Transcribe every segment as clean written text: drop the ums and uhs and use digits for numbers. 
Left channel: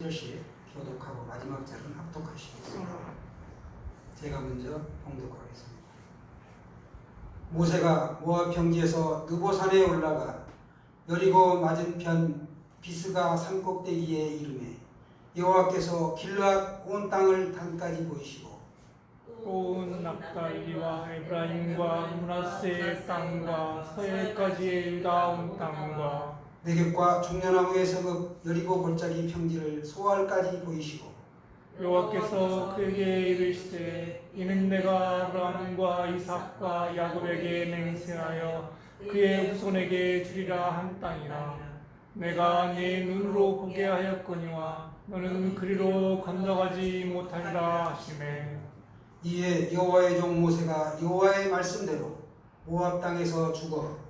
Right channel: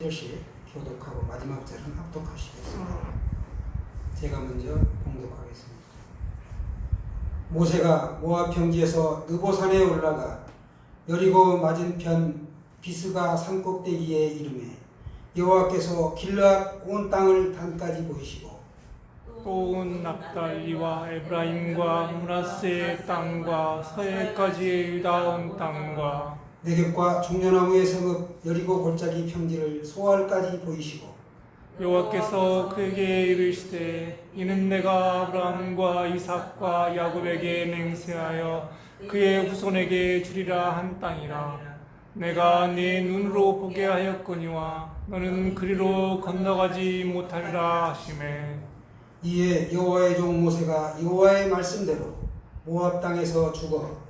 절씩 교독하고 마지막 절은 합독하시겠습니다. 제가 먼저 봉독하겠습니다. 모세가 모압 평지에서 느보산에 올라가 여리고 맞은편 비스가 산꼭대기에 이르매 여호와께서 길르앗 온 땅을 단까지 보이시고 또 온 납달리와 에브라임과 므낫세의 땅과 서해까지의 유다 온 땅과 내geb과 종려나무의 성읍 여리고 골짜기 평지를 소알까지 보이시고 여호와께서 그에게 이르시되 이는 내가 아브라함과 이삭과 야곱에게 맹세하여 그의 후손에게 주리라 한 땅이라. 내가 네 눈으로 보게 하였거니와 너는 그리로 건너가지 못하리라 하시매. 이에 여호와의 종 모세가 여호와의 말씀대로 모압 땅에서 죽어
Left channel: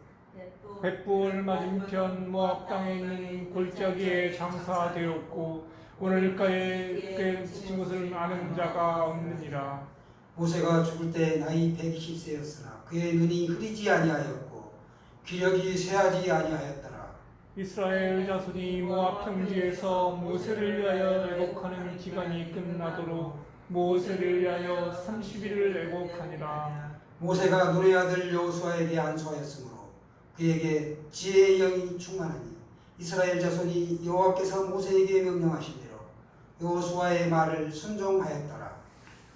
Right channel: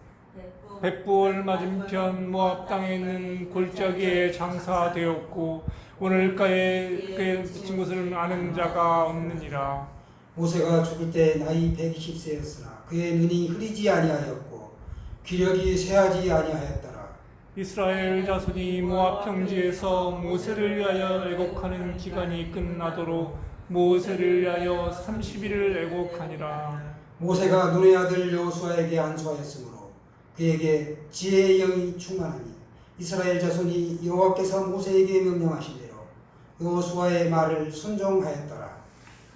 벳부올 맞은편 모압 땅에 있는 골짜기에 장사되었고 오늘까지 그의 붙인 것을 아는 자가 없느니라. 모세가 죽을 때 나이 120세였으나 그의 눈이 흐리지 아니하였고 기력이 쇠하지 아니하였더라. 이스라엘 자손이 모압 평지에서 모세를 위하여 애곡하는 기간이 끝나도록 모세를 위하여 30일을 애곡하니라. 모세가 눈의 아들 여호수아에게 안수하였으므로 그에게 지혜의 영이 충만하니 이스라엘 자손이 여호와께서 모세에게 명령하신 대로 여호수아의 말을 순종하였더라.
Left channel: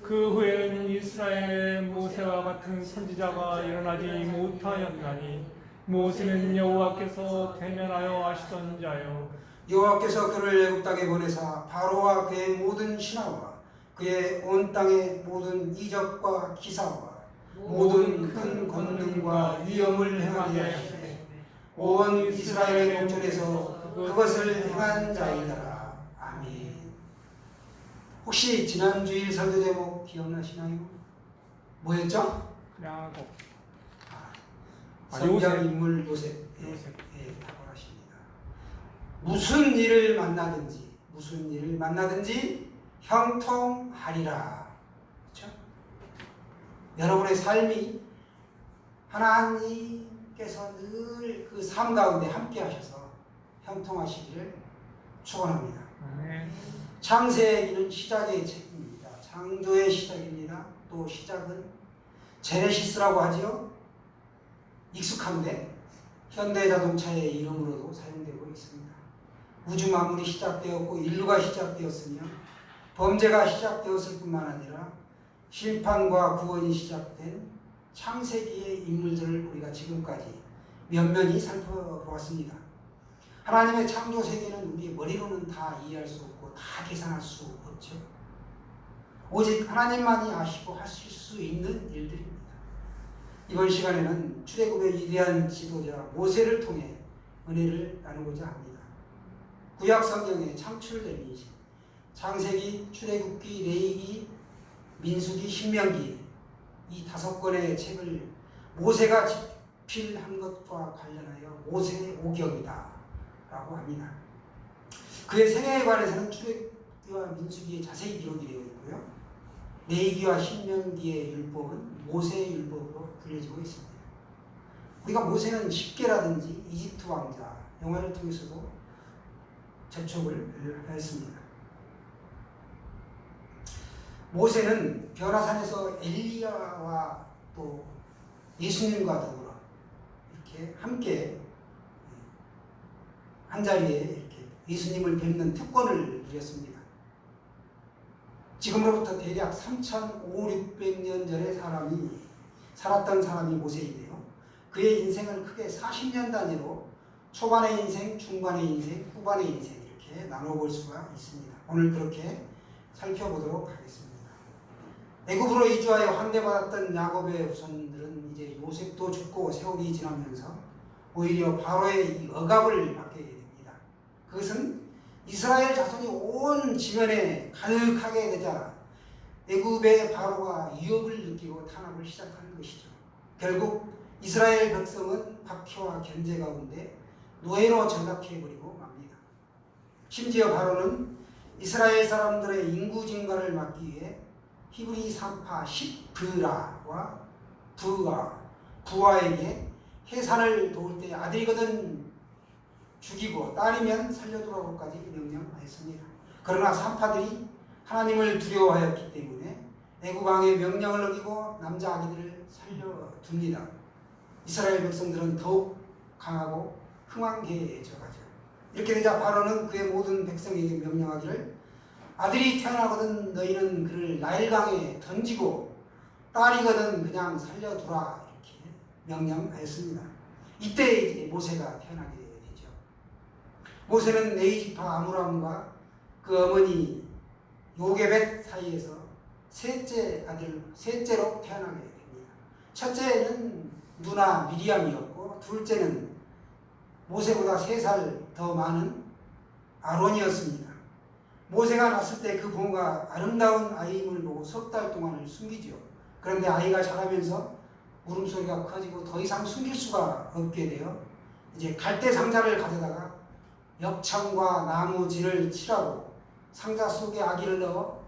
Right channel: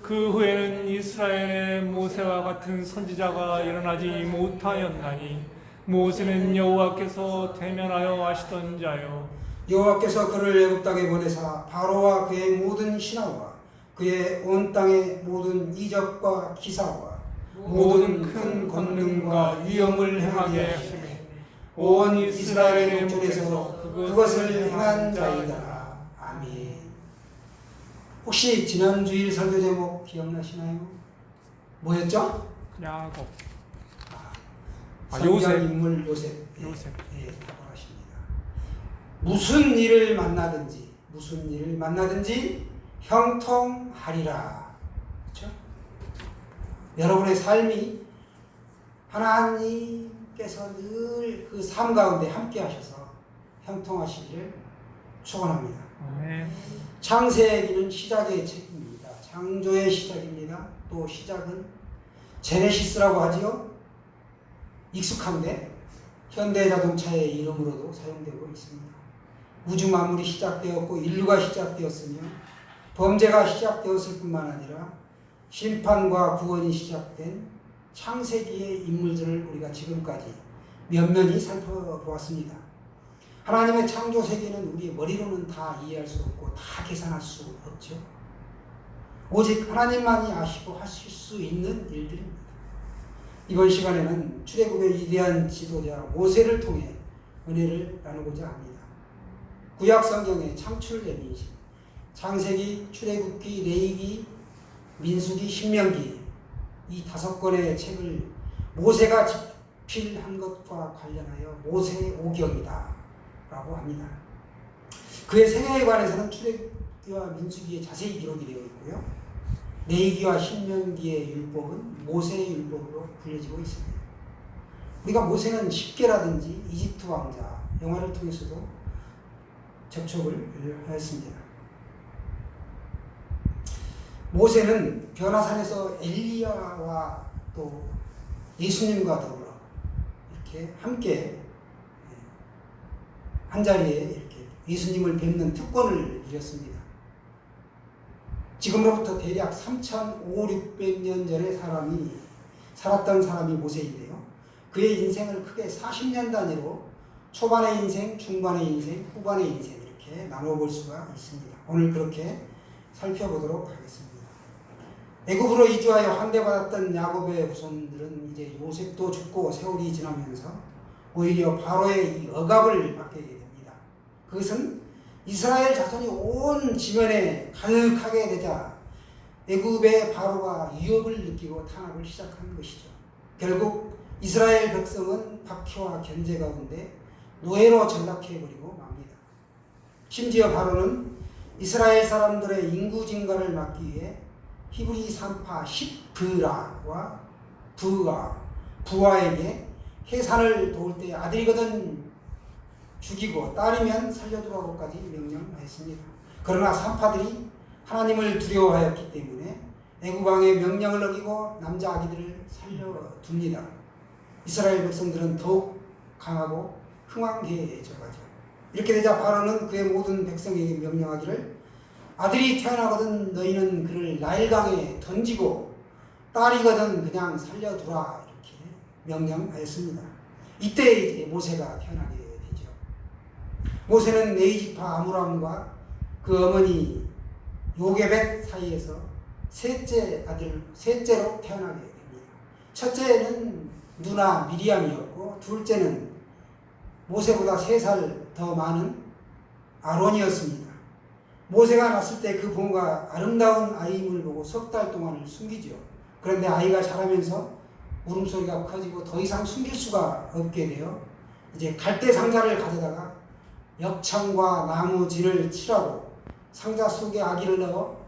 그 후에는 이스라엘에 모세와 같은 선지자가 일어나지 못하였나니 모세는 여호와께서 대면하여 하시던 자요. 여호와께서 그를 애굽 땅에 보내사 바로와 그의 모든 신하와 그의 온 땅의 모든 이적과 기사와 모든 큰 권능과 위엄을 행하게 하시니 온 이스라엘 목전에서 그것을 행한 자이더라. 아멘. 혹시 지난 주일 설교 제목 기억나시나요? 뭐였죠? 야곱. 성경 요셉. 인물 요셉. 요셉. 탁월하십니다. 무슨 일을 만나든지 형통하리라. 그렇죠? 여러분의 삶이 하나님께서 늘 그 삶 가운데 함께 하셔서 형통하시기를 축원합니다. 아멘. 창세기는 시작의 책입니다. 창조의 시작입니다. 또 시작은 제네시스라고 하지요. 익숙한데 현대 자동차의 이름으로도 사용되고 있습니다. 우주 만물이 시작되었고 인류가 시작되었으며 범죄가 시작되었을 뿐만 아니라 심판과 구원이 시작된 창세기의 인물들을 우리가 지금까지 면면히 살펴보았습니다. 하나님의 창조 세계는 우리의 머리로는 다 이해할 수 없고 다 계산할 수 없죠. 오직 하나님만이 아시고 하실 수 있는 일들입니다. 이번 시간에는 출애굽의 위대한 지도자 모세를 통해 은혜를 나누고자 합니다. 구약 성경의 창출 예비이신 창세기, 출애굽기, 레위기, 민수기, 신명기 이 5권의 책을 모세가 집필한 것과 관련하여 모세오경이다 라고 합니다. 그의 생애에 관해서는 출애굽기와 민수기에 자세히 기록이 되어 있고요. 레위기와 신명기의 율법은 모세의 율법으로 불려지고 있습니다. 우리가 모세는 십계라든지 이집트 왕자 영화를 통해서도 접촉을 했습니다. 모세는 변화산에서 엘리야와 또 예수님과 더불어 이렇게 함께 한자리에 이렇게 예수님을 뵙는 특권을 누렸습니다. 지금으로부터 대략 3,500~600년 전에 살았던 사람이 모세인데요. 그의 인생을 크게 40년 단위로 초반의 인생, 중반의 인생, 후반의 인생 이렇게 나누어 볼 수가 있습니다. 오늘 그렇게 살펴보도록 하겠습니다. 애굽으로 이주하여 환대받았던 야곱의 후손들은 이제 요셉도 죽고 세월이 지나면서 오히려 바로의 이 억압을 받게 됩니다. 그것은 이스라엘 자손이 온 지면에 가득하게 되자 애굽의 바로가 위협을 느끼고 탄압을 시작하는 것이죠. 결국 이스라엘 백성은 박해와 견제 가운데 노예로 전락해버리고 맙니다. 심지어 바로는 이스라엘 사람들의 인구 증가를 막기 위해 히브리 산파 십브라와 부하에게 해산을 도울 때 아들이거든 죽이고 딸이면 살려두라고까지 명령했습니다. 그러나 산파들이 하나님을 두려워하였기 때문에 애굽 왕의 명령을 어기고 남자 아기들을 살려둡니다. 이스라엘 백성들은 더욱 강하고 흥왕해져가죠. 이렇게 되자 바로는 그의 모든 백성에게 명령하기를 아들이 태어나거든 너희는 그를 나일강에 던지고 딸이거든 그냥 살려두라 이렇게 명령하였습니다. 이때 이제 모세가 태어나게 되죠. 모세는 네이지파 아므람과 그 어머니 요게벳 사이에서 셋째로 태어나게 됩니다. 첫째는 누나 미리암이었고 둘째는 모세보다 3살 더 많은 아론이었습니다. 모세가 낳았을 때 그 부모가 아름다운 아이임을 보고 석 달 동안을 숨기죠. 그런데 아이가 자라면서 울음소리가 커지고 더 이상 숨길 수가 없게 되어 이제 갈대 상자를 가져다가 역청과 나무진을 칠하고 상자 속에 아기를 넣어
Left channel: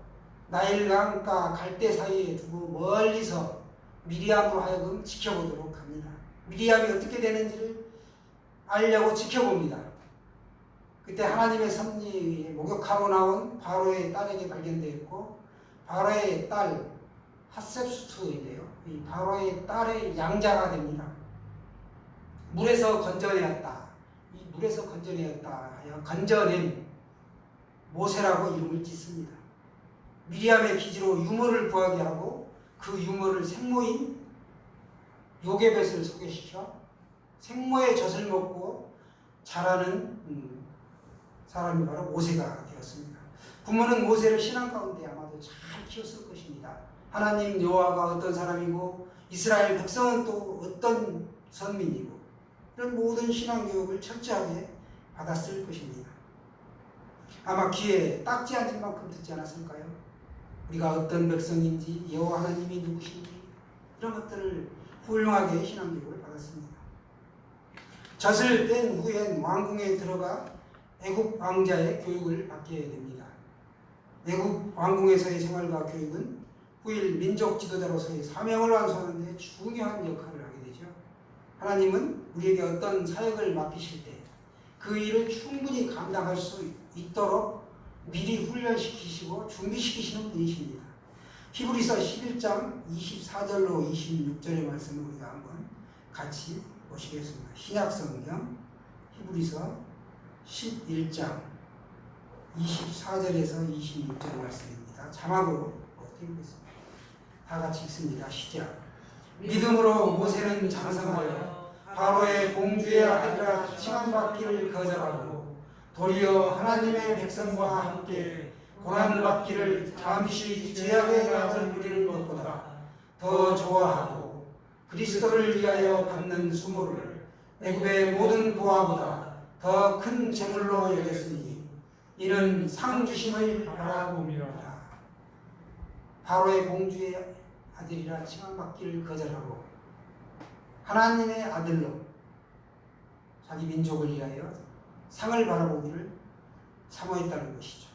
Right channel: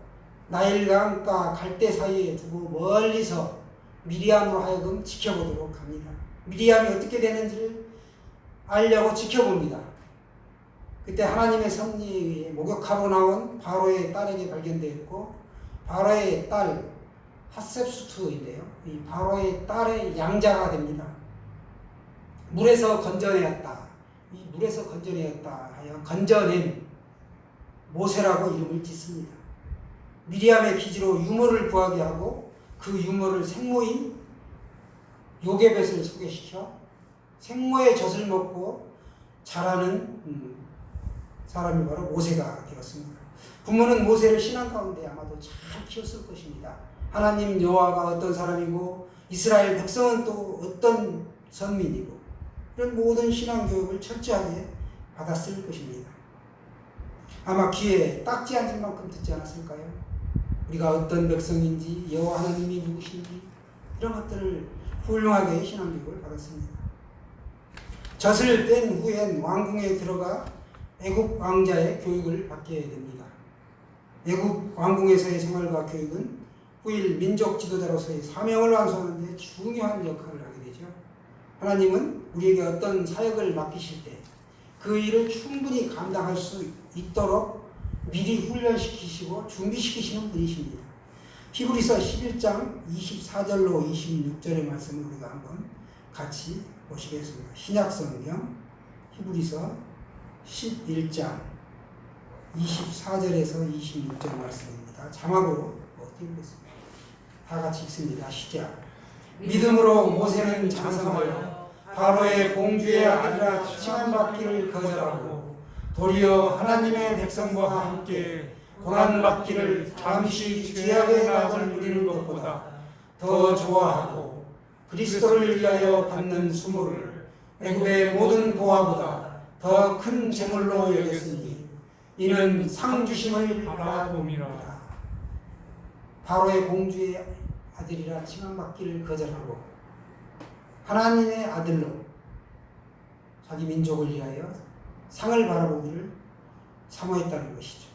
나일강과 갈대 사이에 두고 멀리서 미리암으로 하여금 지켜보도록 합니다. 미리암이 어떻게 되는지를 알려고 지켜봅니다. 그때 하나님의 섭리에 목욕하고 나온 바로의 딸에게 발견되었고 바로의 딸 핫셉수트인데요. 이 바로의 딸의 양자가 됩니다. 물에서 건져내었다. 이 물에서 건져내었다 하여 건져낸 모세라고 이름을 짓습니다. 미리암의 기지로 유모를 구하게 하고 그 유모를 생모인 요게벳을 소개시켜 생모의 젖을 먹고 자라는 사람이 바로 모세가 되었습니다. 부모는 모세를 신앙 가운데 아마도 잘 키웠을 것입니다. 하나님 여호와가 어떤 사람이고 이스라엘 백성은 또 어떤 선민이고 이런 모든 신앙 교육을 철저하게 받았을 것입니다. 아마 귀에 딱지 앉을 만큼 듣지 않았을까요? 우리가 어떤 백성인지 여호와 하나님이 누구신지 이런 것들을 훌륭하게 신앙 교육을 받았습니다. 젖을 뺀 후엔 왕궁에 들어가 애굽 왕자의 교육을 받게 됩니다. 애굽 왕궁에서의 생활과 교육은 후일 민족 지도자로서의 사명을 완수하는 데 중요한 역할을 하게 되죠. 하나님은 우리에게 어떤 사역을 맡기실 때 그 일을 충분히 감당할 수 있도록 미리 훈련시키시고 준비시키시는 분이십니다. 히브리서 11장 24절로 26절의 말씀을 우리가 한번 같이 보시겠습니다. 신약성경 히브리서 11장 24절에서 26절 말씀입니다. 자막으로 띄우겠습니다. 다 같이 읽습니다. 시작. 믿음으로 모세는 장성하여 바로의 공주의 아들이라 칭함받기를 거절하고 도리어 하나님의 백성과 함께 고난받기를 잠시 죄악의 낙을 누리는 것보다 더 좋아하고 그리스도를 위하여 받는 수모를 애굽의 모든 보화보다 더 큰 재물로 여겼으니 이는 상 주심을 바라봅니다. 바로의 공주의 아들이라 칭함받기를 거절하고 하나님의 아들로 자기 민족을 위하여 상을 바라보기를 사모했다는 것이죠.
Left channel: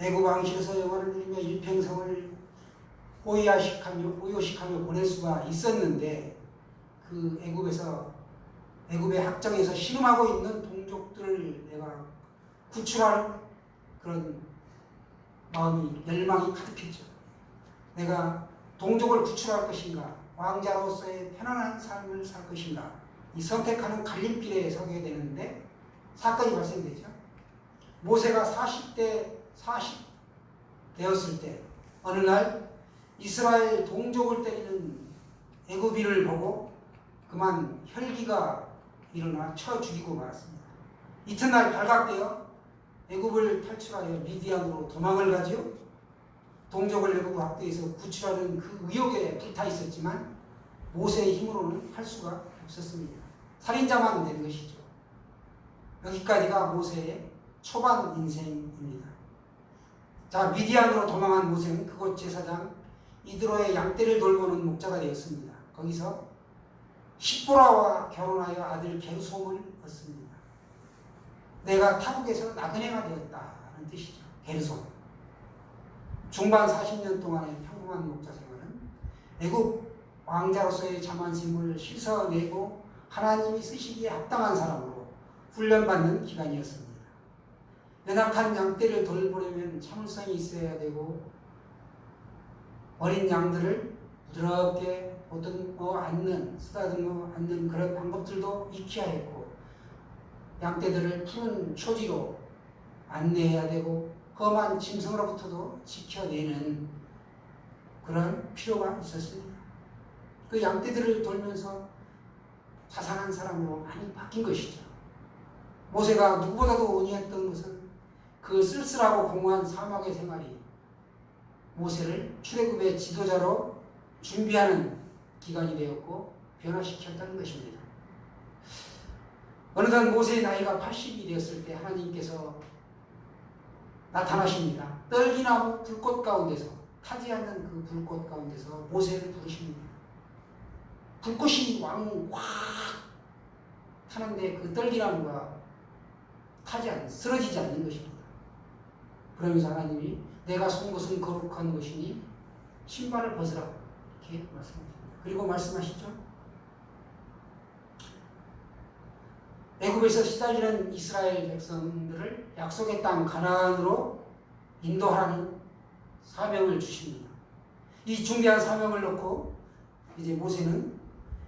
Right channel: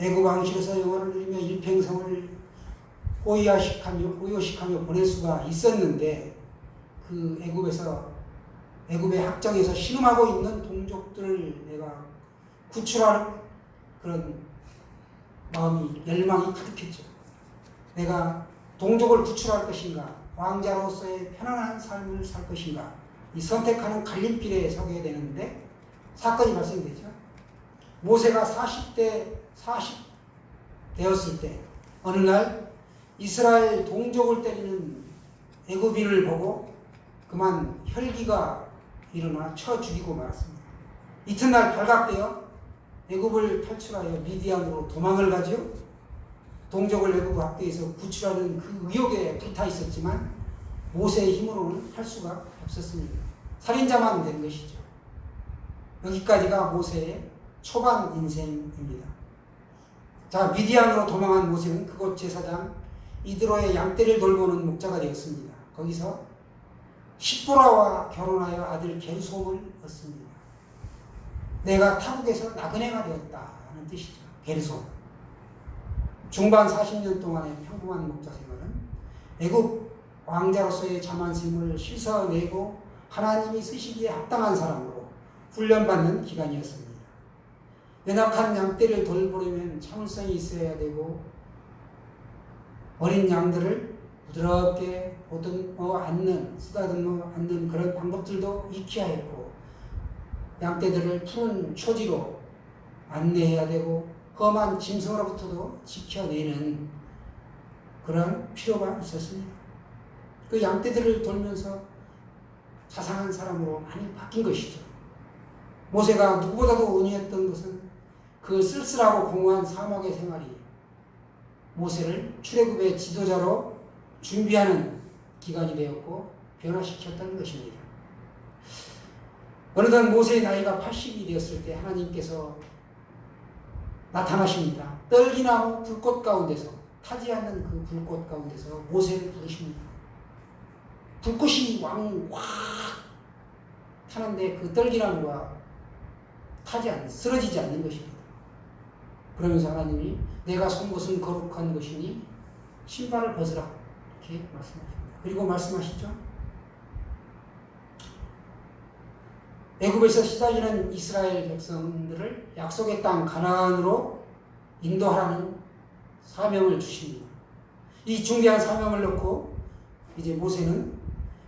애굽 왕실에서 영화를 누리며 일평생을 호요식하며 보낼 수가 있었는데 그 애굽의 학정에서 신음하고 있는 동족들을 내가 구출할 그런 마음이 열망이 가득했죠. 내가 동족을 구출할 것인가 왕자로서의 편안한 삶을 살 것인가 이 선택하는 갈림길에 서게 되는데 사건이 발생되죠. 모세가 40 되었을 때 어느 날 이스라엘 동족을 때리는 애굽인을 보고 그만 혈기가 일어나 쳐 죽이고 말았습니다. 이튿날 발각되어 애굽을 탈출하여 미디안으로 도망을 가죠. 동족을 애굽 학대에서 구출하는 그 의욕에 불타 있었지만 모세의 힘으로는 할 수가 없었습니다. 살인자만 된 것이죠. 여기까지가 모세의 초반 인생입니다. 자, 미디안으로 도망한 모세는 그곳 제사장 이드로의 양떼를 돌보는 목자가 되었습니다. 거기서 십보라와 결혼하여 아들 게르솜을 얻습니다. 내가 타국에서 나그네가 되었다는 뜻이죠. 게르솜. 중반 40년 동안의 평범한 목자 생활은 애굽 왕자로서의 자만심을 씻어내고 하나님이 쓰시기에 합당한 사람으로 훈련받는 기간이었습니다. 연약한 양떼를 돌보려면 참을성이 있어야 되고 어린 양들을 부드럽게 보듬어 안는, 쓰다듬어 안는 그런 방법들도 익혀야 했고 양떼들을 푸른 초지로 안내해야 되고 험한 짐승으로부터도 지켜내는 그런 필요가 있었습니다. 그 양떼들을 돌면서 자상한 사람으로 많이 바뀐 것이죠. 모세가 누구보다도 온유했던 것은 그 쓸쓸하고 공허한 사막의 생활이 모세를 출애굽의 지도자로 준비하는 기간이 되었고 변화시켰다는 것입니다. 어느덧 모세의 나이가 80이 되었을 때 하나님께서 나타나십니다. 떨기나무 불꽃 가운데서, 타지 않는 그 불꽃 가운데서 모세를 부르십니다. 불꽃이 확 타는데 그 떨기나무가 쓰러지지 않는 것입니다. 그러면서 하나님이 내가 쏜 것은 거룩한 것이니 신발을 벗으라 이렇게 말씀하십니다. 그리고 말씀하시죠. 애굽에서 시달리는 이스라엘 백성들을 약속의 땅 가나안으로 인도하라는 사명을 주십니다. 이 중대한 사명을 놓고 이제 모세는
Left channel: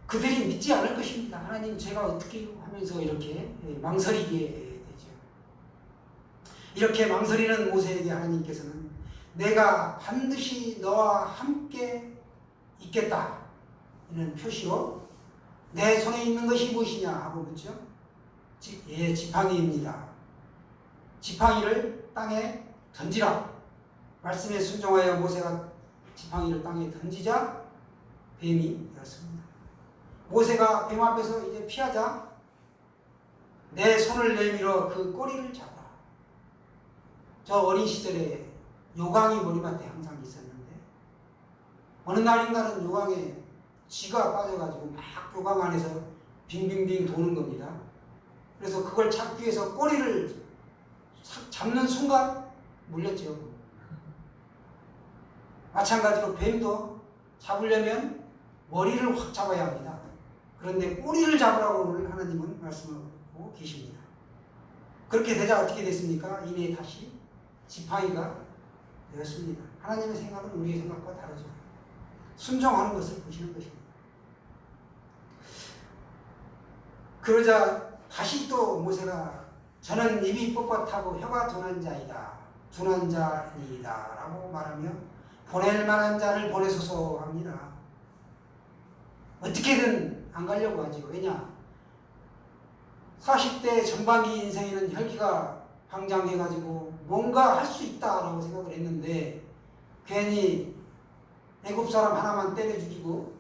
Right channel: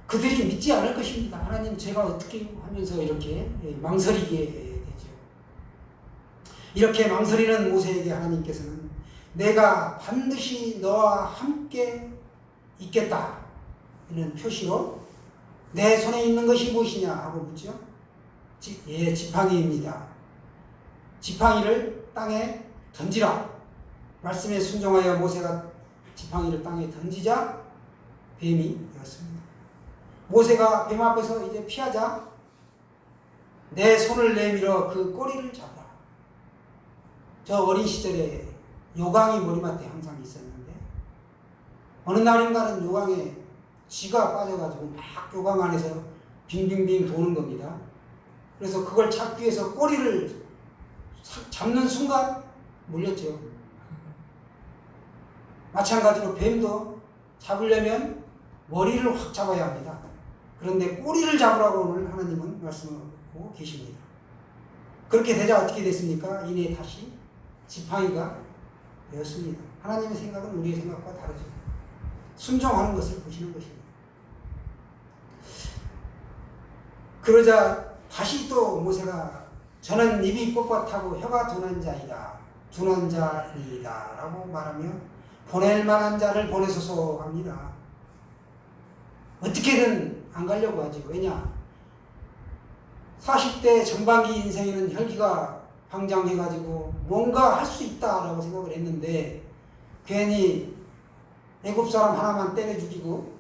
그들이 믿지 않을 것입니다. 하나님 제가 어떻게 하면서 이렇게 망설이게 되죠. 이렇게 망설이는 모세에게 하나님께서는 내가 반드시 너와 함께 있겠다 이런 표시로 내 손에 있는 것이 무엇이냐 하고 묻죠. 지팡이입니다. 지팡이를 땅에 던지라. 말씀에 순종하여 모세가 지팡이를 땅에 던지자 뱀이 되었습니다. 모세가 뱀 앞에서 이제 피하자 내 손을 내밀어 그 꼬리를 잡아. 저 어린 시절에 요강이 머리맡에 항상 있었는데 어느 날인가는 요강에 쥐가 빠져가지고 막 요강 안에서 빙빙빙 도는 겁니다. 그래서 그걸 잡기 위해서 꼬리를 잡는 순간 물렸죠. 마찬가지로 뱀도 잡으려면 머리를 확 잡아야 합니다. 그런데 꼬리를 잡으라고 오늘 하나님은 말씀하고 계십니다. 그렇게 되자 어떻게 됐습니까? 이내 다시 지팡이가 되었습니다. 하나님의 생각은 우리의 생각과 다르죠. 순종하는 것을 보시는 것입니다. 그러자 다시 또 모세가 저는 입이 뻣뻣하고 혀가 둔한 자이다. 둔한 자이다 라고 말하며 보낼 만한 자를 보내소서 합니다. 어떻게든 안 가려고 하죠. 왜냐? 40대 전반기 인생에는 혈기가 방장해가지고 뭔가 할 수 있다라고 생각을 했는데 괜히 애굽 사람 하나만 때려 죽이고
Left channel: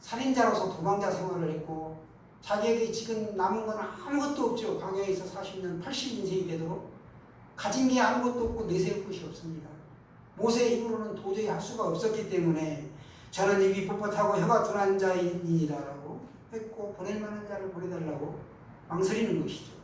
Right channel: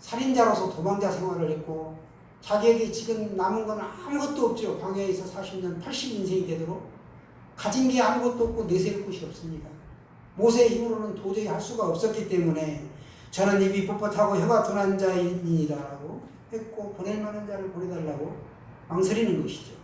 살인자로서 도망자 생활을 했고 자기에게 지금 남은 건 아무것도 없죠. 광야에서 40년 80인생이 되도록 가진 게 아무것도 없고 내세울 것이 없습니다. 모세의 힘으로는 도저히 할 수가 없었기 때문에 저는 입이 뻣뻣하고 혀가 둔한 자이니라 라고 했고 보낼 만한 자를 보내달라고 망설이는 것이죠.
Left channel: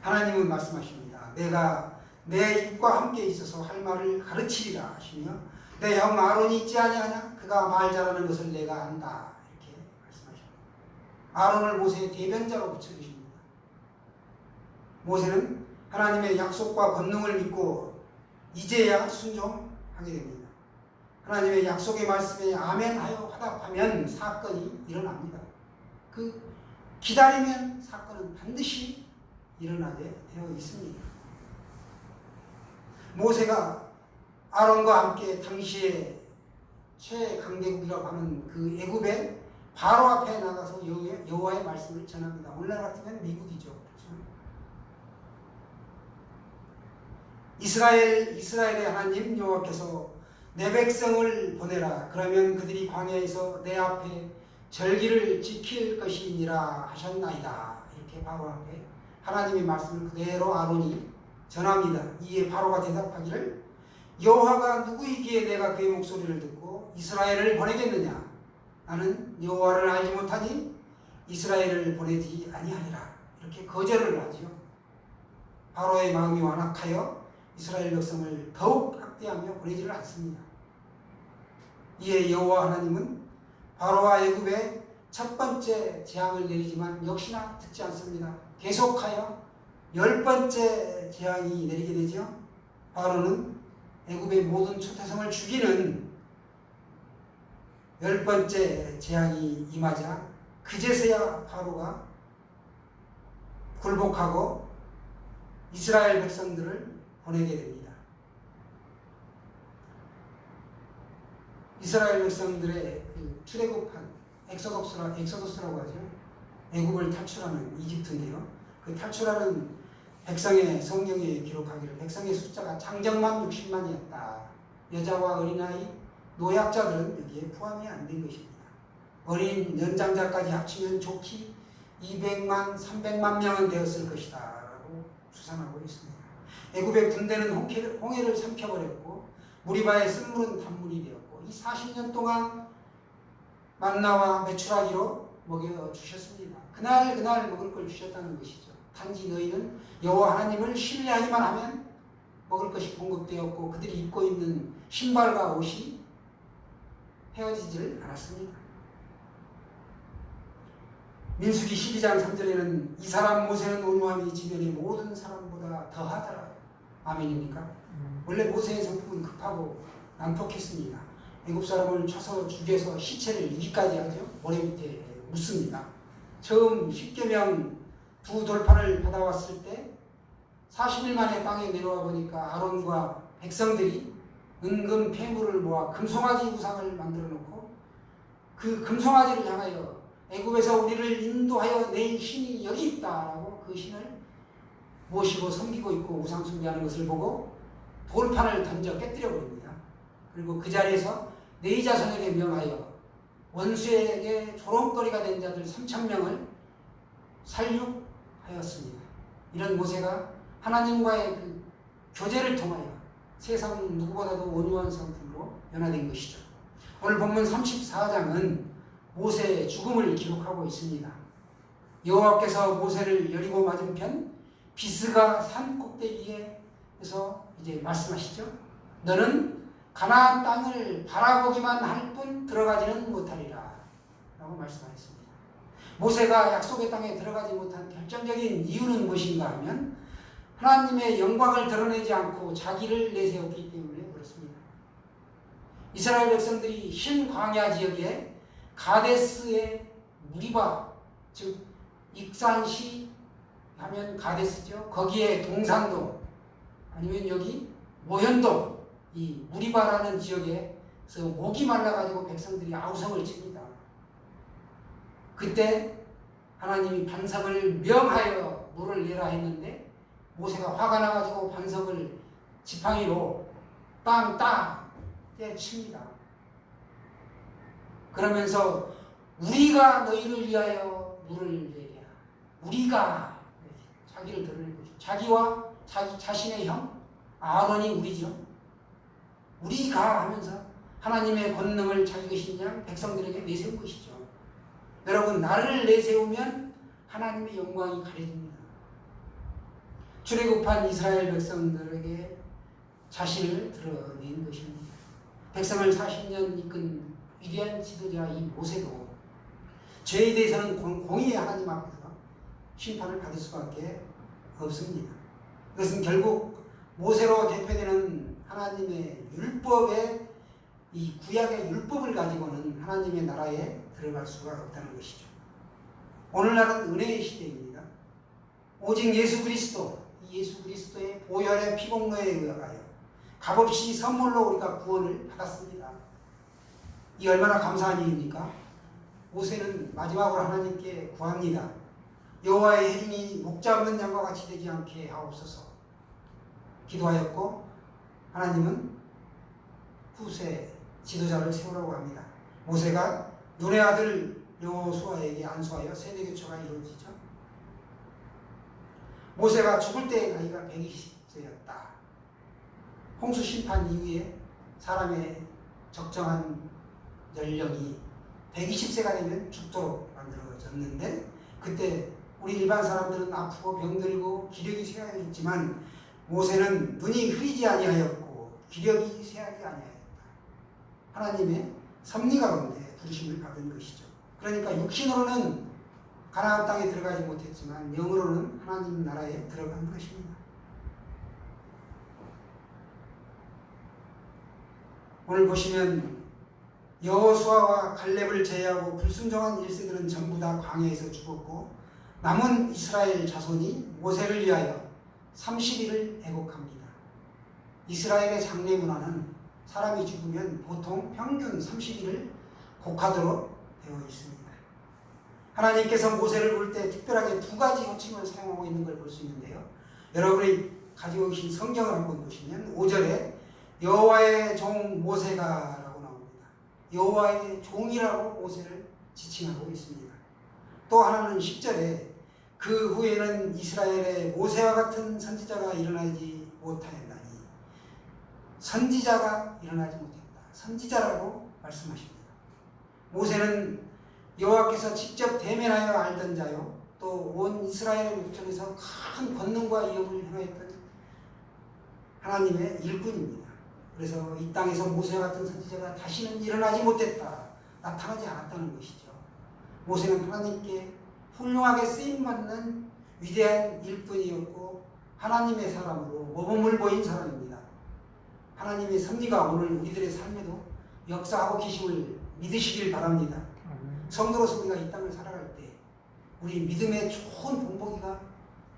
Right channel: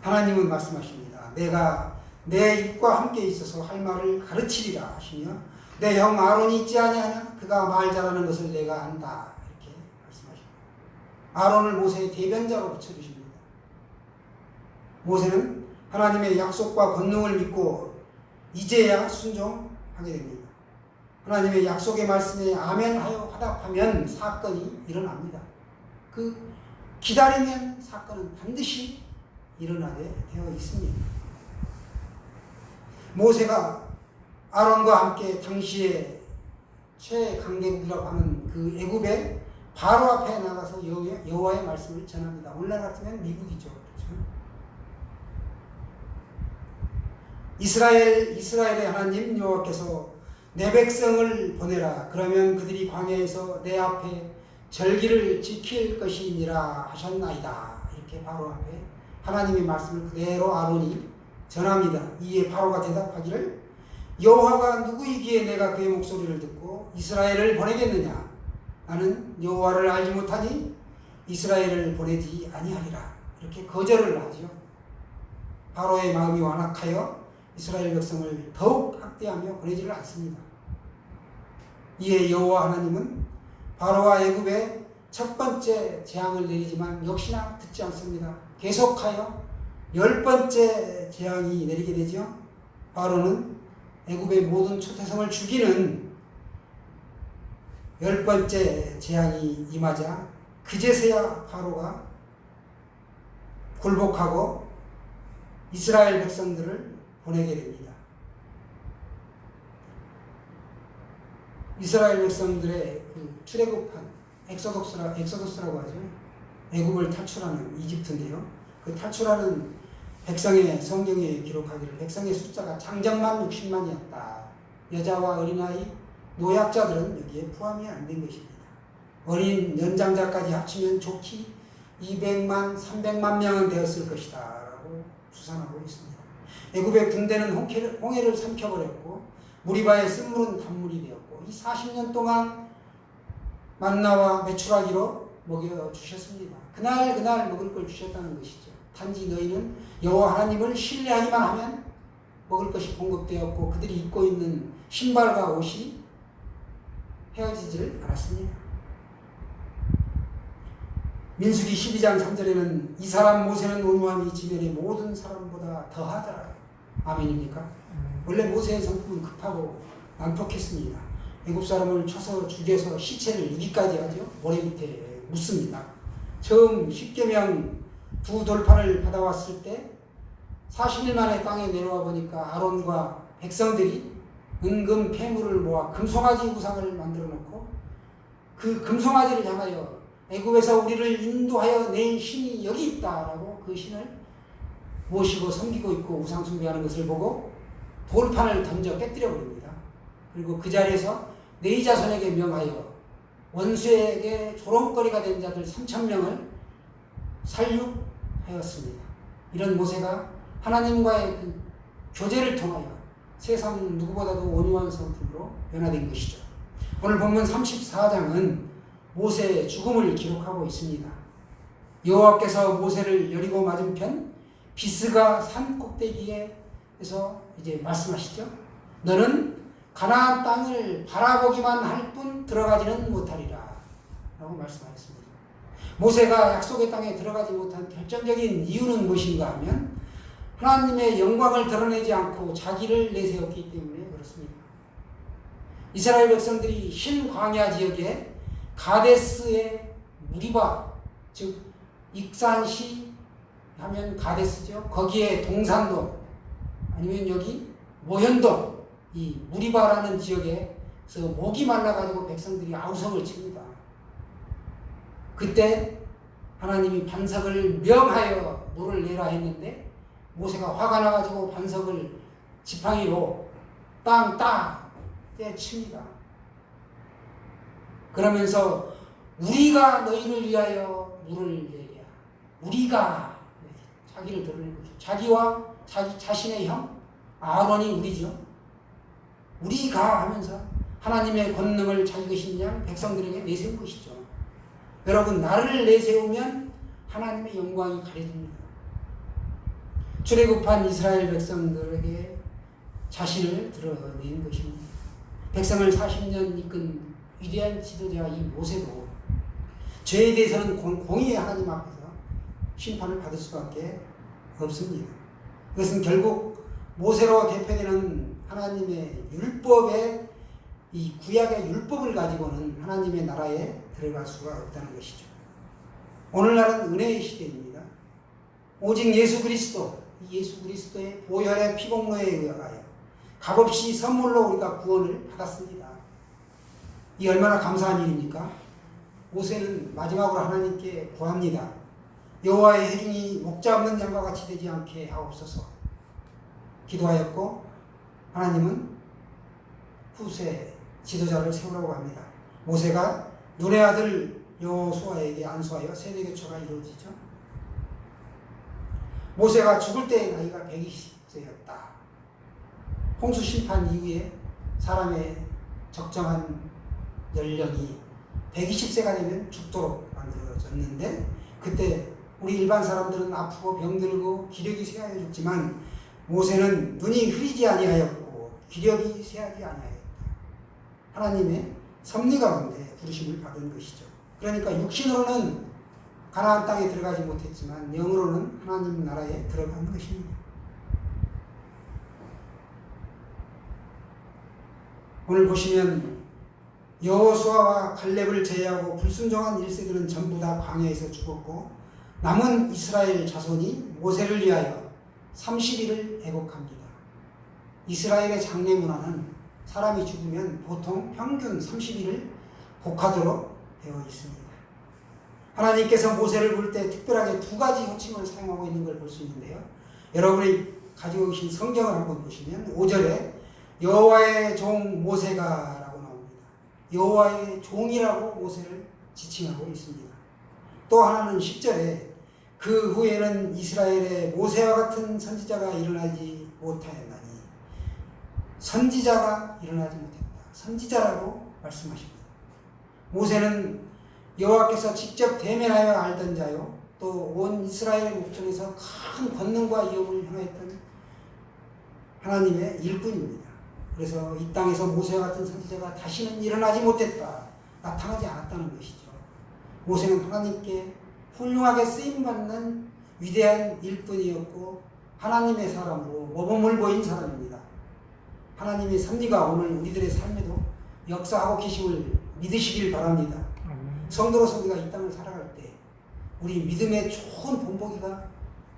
하나님은 말씀하십니다. 내가 내 입과 함께 있어서 할 말을 가르치리라 하시며 내 형 아론이 있지 아니하냐? 그가 말 잘하는 것을 내가 안다. 이렇게 말씀하십니다. 아론을 모세의 대변자로 붙여주십니다. 모세는 하나님의 약속과 권능을 믿고 이제야 순종하게 됩니다. 하나님의 약속의 말씀에 아멘하여 화답하면 사건이 일어납니다. 그 기다리면 사건은 반드시 일어나게 되어 있습니다. 모세가 아론과 함께 당시에 최강대국이라고 하는 그 애굽의 바로 앞에 나가서 여호와의 말씀을 전합니다. 오늘날 같으면 미국이죠. 그렇죠? 이스라엘의 하나님 여호와께서 내 백성을 보내라. 그러면 그들이 광야에서 내 앞에 절기를 지킬 것이니라 하셨나이다. 이렇게 바로 앞에 하나님의 말씀을 그대로 아론이 전합니다. 이에 바로가 대답하기를 여호와가 누구이기에 내가 그의 목소리를 듣고 이스라엘을 보내겠느냐? 나는 여호와를 알지 못하니 이스라엘을 보내지 아니하리라. 이렇게 거절을 하죠. 바로의 마음이 완악하여 이스라엘 백성을 더욱 학대하며 보내지를 않습니다. 이에 여호와 하나님은 바로와 애굽에 첫 번째 재앙을 내리지만 역시나 듣지 않습니다. 계속하여 10번째 재앙이 내리게 되죠. 바로는 애굽의 모든 초태성을 죽이는 10번째 재앙이 임하자 그제서야 바로가 굴복하고 이스라엘 백성들을 보내게 됩니다. 이스라엘 백성들의 그 출애굽한 엑소더스라고 하죠. 애굽을 탈출하는 이집트인데요. 그 탈출하는 백성의 성경에 기록하기를 백성의 숫자가 장정만 60만이었다. 여자와 어린아이, 노약자들은 여기에 포함이 안 된 것입니다. 어린 연장자까지 합치면 좋기 200만, 300만 명은 되었을 것이다 라고 추산하고 있습니다. 애굽의 군대는 홍해를 삼켜버렸고 무리바의 쓴물은 단물이 되었고 이 40년 동안 만나와 메추라기로 먹여주셨습니다. 그날 먹을 걸 주셨다는 것이죠. 단지 너희는 여호와 하나님을 신뢰하기만 하면 먹을 것이 공급되었고 그들이 입고 있는 신발과 옷이 헤어지질 않았습니다. 민수기 12장 3절에는 이 사람 모세는 온유함이 지면의 모든 사람보다 더하더라. 아멘입니까? 원래 모세의 성품은 급하고 난폭했습니다. 애굽 사람을 쳐서 죽여서 시체를 유기까지 하죠. 모래 밑에 묻습니다. 처음 십계명 두 돌판을 받아왔을 때 40일 만에 땅에 내려와 보니까 아론과 백성들이 은금 폐물을 모아 금송아지 우상을 만들어 놓고 그 금송아지를 향하여 애굽에서 우리를 인도하여 낸 신이 여기 있다라고 그 신을 모시고 섬기고 있고 우상 숭배하는 것을 보고 돌판을 던져 깨뜨려 버립니다. 그리고 그 자리에서 네 자손에게 명하여 원수에게 조롱거리가 된 자들 3,000명을 살육하였습니다. 이런 모세가 하나님과의 그 교제를 통하여 세상 누구보다도 온유한 성품으로 변화된 것이죠. 오늘 본문 34장은 모세의 죽음을 기록하고 있습니다. 여호와께서 모세를 여리고 맞은편 비스가 산 꼭대기에서 이제 말씀하시죠. 너는 가나안 땅을 바라보기만 할 뿐 들어가지는 못하리라 라고 말씀하셨습니다. 모세가 약속의 땅에 들어가지 못한 결정적인 이유는 무엇인가 하면 하나님의 영광을 드러내지 않고 자기를 내세웠기 때문에 그렇습니다. 이스라엘 백성들이 흰 광야 지역에 가데스의 무리바, 즉 익산시 하면 가데스죠. 거기에 동산도 아니면 여기 모현도 이 무리바라는 지역에서 목이 말라가지고 백성들이 아우성을 칩니다. 그때 하나님이 반석을 명하여 물을 내라 했는데 모세가 화가 나가지고 반석을 지팡이로 땅 떼칩니다. 그러면서 우리가 너희를 위하여 물을 내랴. 우리가 자기를 드러낸 거죠. 자기와 자신의 형 아론이 우리죠. 우리가 하면서 하나님의 권능을 자기 것인 양 백성들에게 내세운 것이죠. 여러분 나를 내세우면 하나님의 영광이 가려집니다. 출애굽한 이스라엘 백성들에게 자신을 드러낸 것입니다. 백성을 40년 이끈 위대한 지도자 이 모세도 죄에 대해서는 공의의 하나님 앞에서 심판을 받을 수밖에 없습니다. 이것은 결국 모세로 대표되는 하나님의 율법의 이 구약의 율법을 가지고는 하나님의 나라에 들어갈 수가 없다는 것이죠. 오늘날은 은혜의 시대입니다. 오직 예수 그리스도, 이 예수 그리스도의 보혈의 피공로에 의하여 값없이 선물로 우리가 구원을 받았습니다. 이 얼마나 감사한 일입니까? 모세는 마지막으로 하나님께 구합니다. 여호와의 해중이 목자 없는 양과 같이 되지 않게 하옵소서 기도하였고 하나님은 후세 지도자를 세우라고 합니다. 모세가 눈의 아들 여호수아에게 안수하여 세대교체가 이루어지죠. 모세가 죽을 때의 나이가 120세였다. 홍수 심판 이후에 사람의 적정한 연령이 120세가 되면 죽도록 만들어졌는데 그때 우리 일반 사람들은 아프고 병들고 기력이 쇠하였지만 모세는 눈이 흐리지 아니하였고 기력이 쇠하지 아니하였다. 하나님의 섭리 가운데 부르심을 받은 것이죠. 그러니까 육신으로는 가나안 땅에 들어가지 못했지만 영으로는 하나님 나라에 들어간 것입니다. 오늘 보시면 여호수아와 갈렙을 제외하고 불순종한 1세들은 전부 다 광야에서 죽었고 남은 이스라엘 자손이 모세를 위하여 30일을 애곡합니다. 이스라엘의 장례 문화는 사람이 죽으면 보통 평균 30일을 곡하도록 되어 있습니다. 하나님께서 모세를 부를 때 특별하게 두 가지 호칭을 사용하고 있는 걸 볼 수 있는데요. 여러분이 가지고 계신 성경을 한번 보시면 5절에 여호와의 종 모세가 라고 나옵니다. 여호와의 종이라고 모세를 지칭하고 있습니다. 또 하나는 10절에 그 후에는 이스라엘의 모세와 같은 선지자가 일어나지 못하였나니 선지자가 일어나지 못했다. 선지자라고 말씀하십니다. 모세는 여호와께서 직접 대면하여 알던 자요 또 온 이스라엘 목전에서 큰 권능과 위엄을 행하였던 하나님의 일꾼입니다. 그래서 이 땅에서 모세와 같은 선지자가 다시는 일어나지 못했다. 나타나지 않았다는 것이죠. 모세는 하나님께 훌륭하게 쓰임받는 위대한 일꾼이었고 하나님의 사람으로 모범을 보인 사람입니다. 하나님의 섭리가 오늘 우리들의 삶에도 역사하고 계심을 믿으시길 바랍니다. 성도로서 우리가 이 땅을 살아갈 때 우리 믿음의 좋은 본보기가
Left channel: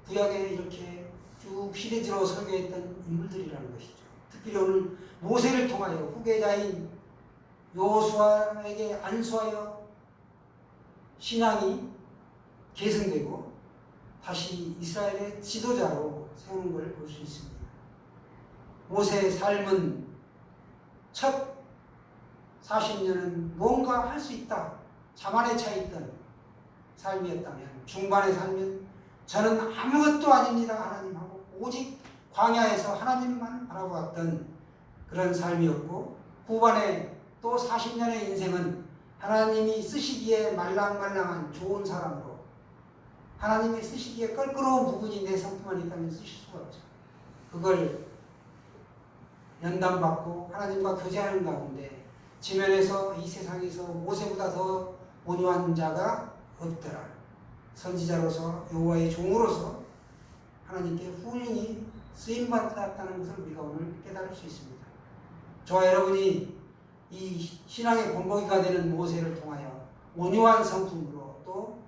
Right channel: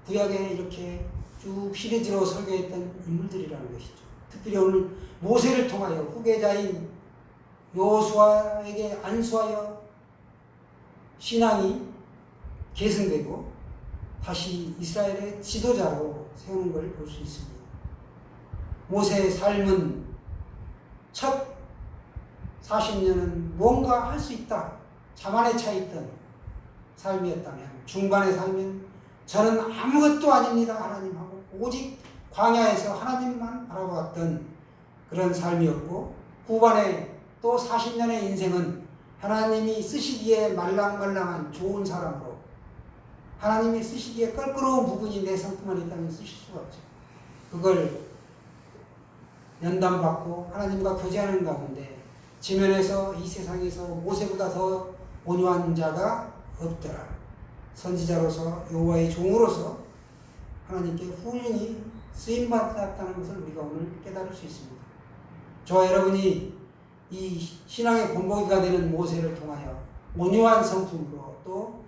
구약에 이렇게 쭉 시리즈로 설교했던 인물들이라는 것이죠. 특별히 오늘 모세를 통하여 후계자인 여호수아에게 안수하여 신앙이 계승되고 다시 이스라엘의 지도자로 세우는 걸 볼 수 있습니다. 모세의 삶은 첫 40년은 뭔가 할 수 있다. 자만에 차 있던 삶이었다면 중반에 살면 저는 아무것도 아닙니다. 하나님하고 오직 광야에서 하나님만 바라보았던 그런 삶이었고 후반에 또 40년의 인생은 하나님이 쓰시기에 말랑말랑한 좋은 사람으로 하나님이 쓰시기에 껄끄러운 부분이 내 성품만 있다면 쓰실 수가 없죠. 그걸 연단받고 하나님과 교제하는 가운데 지면에서 이 세상에서 모세보다 더 온유한 자가 없더라. 선지자로서 여호와의 종으로서 하나님께 훌륭히 쓰임받았다는 것을 우리가 오늘 깨달을 수 있습니다. 저와 여러분이 이 신앙의 본보기가 되는 모세를 통하여 온유한 성품으로 또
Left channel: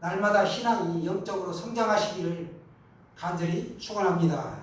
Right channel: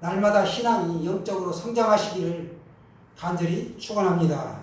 날마다 신앙이 영적으로 성장하시기를 간절히 축원합니다.